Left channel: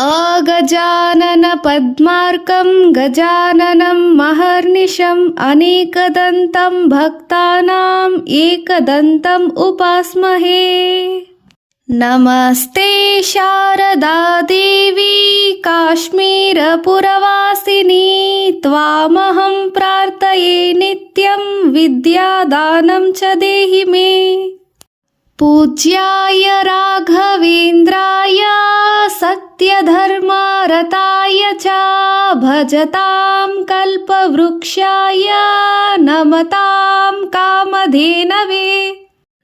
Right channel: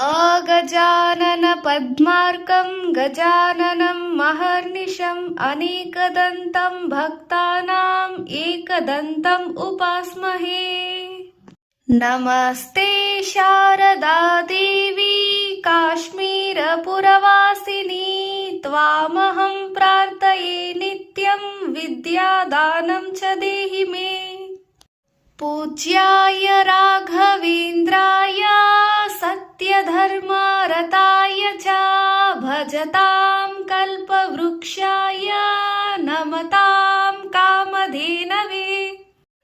अगजानन पद्मार्कं गजाननं महर्निशम् अनेकदन्तं भक्तानां एकदन्तम् उपास्महे। नमस्ते शारदा देवी काश्मीरपुरवासिनी त्वामहं प्रार्थये नित्यं विद्यादानं च देहि मे। पूज्याय राघवेन्द्राय सत्यधर्मरताय च भजतां कल्पवृक्षाय नमतां कामधेनवे।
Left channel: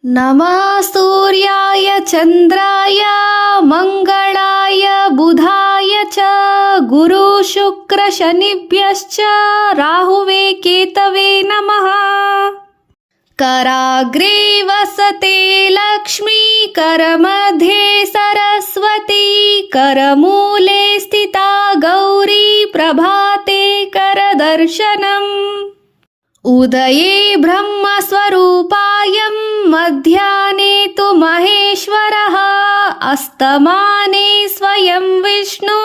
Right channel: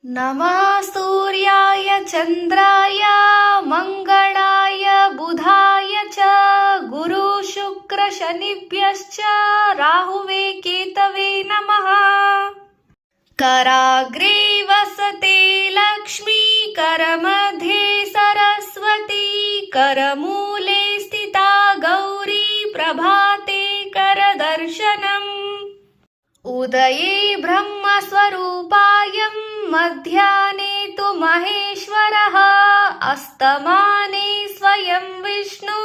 नमः सूर्याय चन्द्राय मङ्गलाय बुधाय च गुरुशुक्रशनिभ्यश्च राहुवे केतवे नमः। कराग्रे वसते लक्ष्मी करमध्ये सरस्वती करमूले स्थिता गौरी प्रभाते करदर्शनम्। उदये ब्रह्मस्वरूपायं मध्याह्ने तु महेश्वरः अस्तमाने स्वयं विष्णु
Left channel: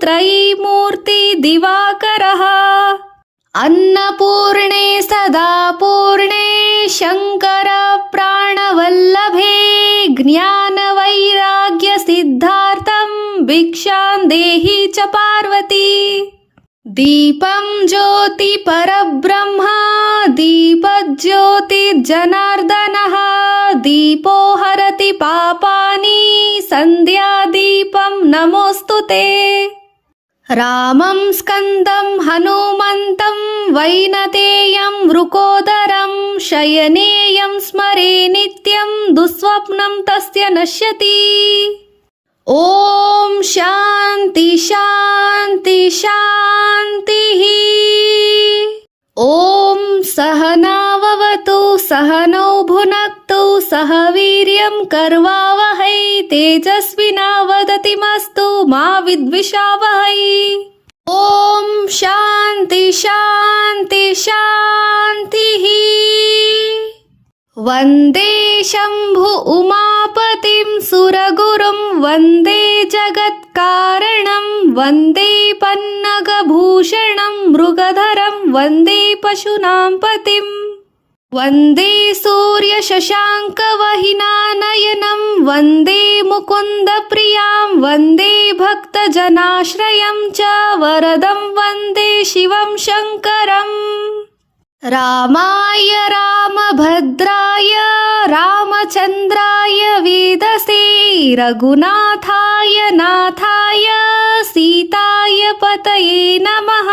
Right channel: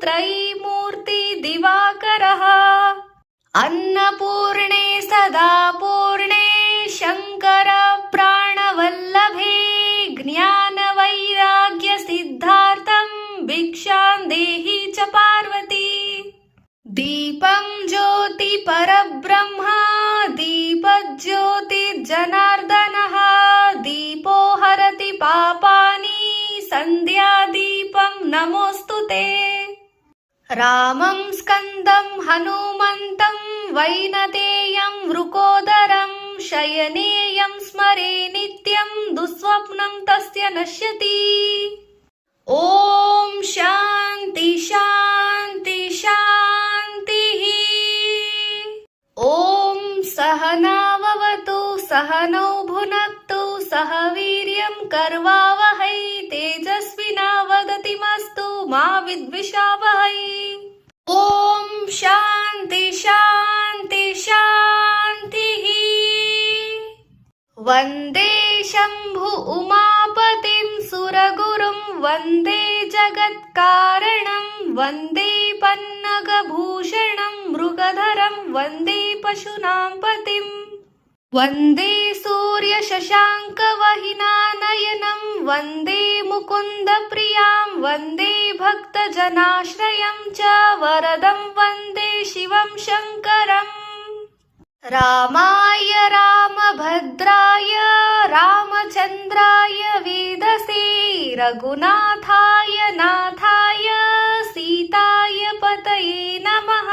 त्रयीमूर्ति दिवाकरः। अन्नपूर्णे सदा पूर्णे शङ्कर प्राणवल्लभे ज्ञानवैराग्यसिद्धार्थं भिक्षां देहि च पार्वती। दीपं ज्योति परब्रह्म दीपज्योतिर्जनार्दनः दीपो हरति पापानि सन्ध्यादीपं नमोऽस्तु ते। रामं स्कन्दं हनुमन्तं वैनतेयं वृकोदरं शयनेयं स्मरे नित्यं दुःस्वप्नं तस्य नश्यति। ॐ शान्ति शान्ति शान्तिः। ॐ सहनाववतु सहनौ भुनक्तु सह वीर्यं कर्वावहै तेजस्विनावधीतमस्तु मा विद्विषावहै। ॐ शान्ति शान्ति शान्तिः। वन्दे शम्भु उमापतिं सुरगुरुं वन्दे जगत्कारणं वन्दे पन्नगभूषणं मृगधरं वन्दे पशूनां पतिं। वन्दे सूर्यशशाङ्कवहिनानयनं वन्दे मुकुन्दप्रियां वन्दे भक्तजनाश्रयं च वरदं वन्दे शिवं शङ्करम्। रामाय रामभद्राय रामचन्द्राय वेदसे रघुनाथाय नाथाय सीताय पतये नमः।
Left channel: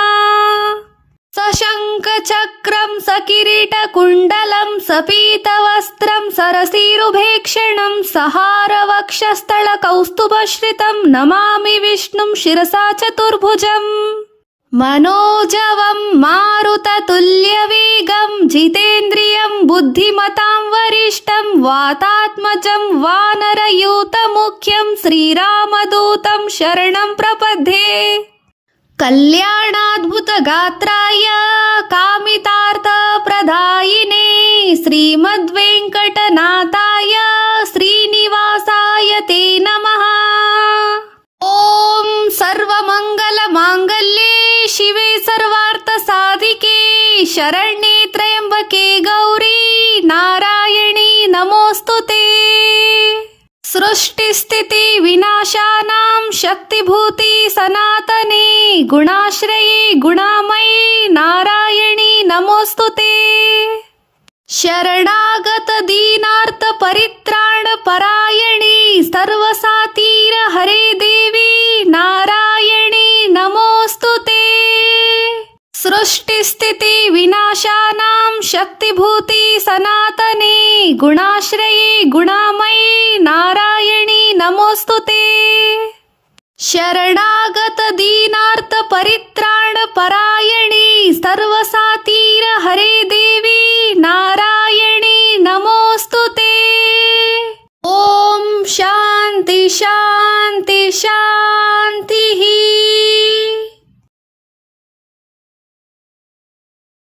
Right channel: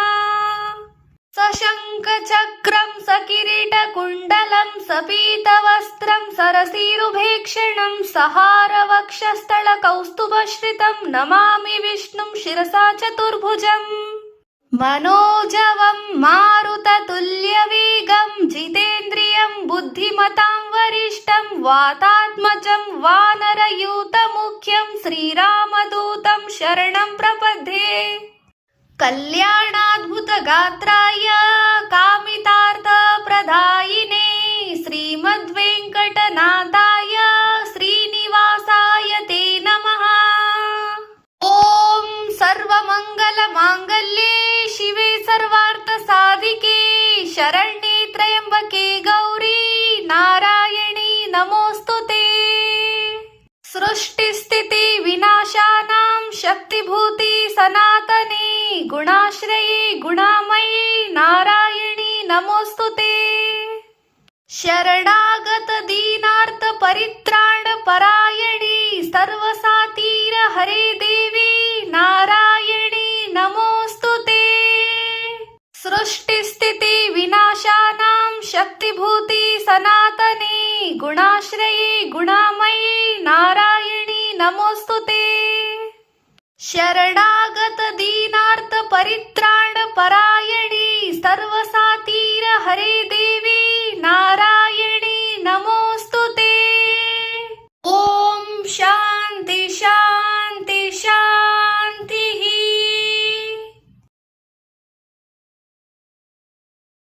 सशङ्खचक्रं सकिरीटकुण्डलं सपीतवस्त्रं सरसीरुभेक्षणं सहारवक्षस्थलकौस्तुभश्रितं नमामि विष्णुं शिरसा चतुर्भुजम्। मनोजवं मारुततुल्यवेगं जितेन्द्रियं बुद्धिमतां वरिष्ठं वातात्मजं वानरयूतमुख्यं श्रीरामदूतं शरणं प्रपद्ये। कल्याणाद्भुतगात्राय कामितार्थप्रदायिने श्रीमद्वेङ्कटनाथाय श्रीनिवासाय ते नमः। ॐ सर्वमङ्गलमाङ्गल्ये शिवे सर्वार्थसाधिके शरण्ये त्र्यम्बके गौरी नारायणी नमोऽस्तु ते। सृष्टिस्थिति विनाशानां शक्तिभूते सनातने गुणाश्रये गुणामये नारायणी नमोऽस्तु ते। शरणागत दीनार्थ परित्राण परायणे सर्वसातीर हरे देवी नारायणी नमोऽस्तु ते। सृष्टिस्थिति विनाशानां शक्तिभूते सनातने गुणाश्रये गुणामये नारायणी नमोऽस्तु ते। शरणा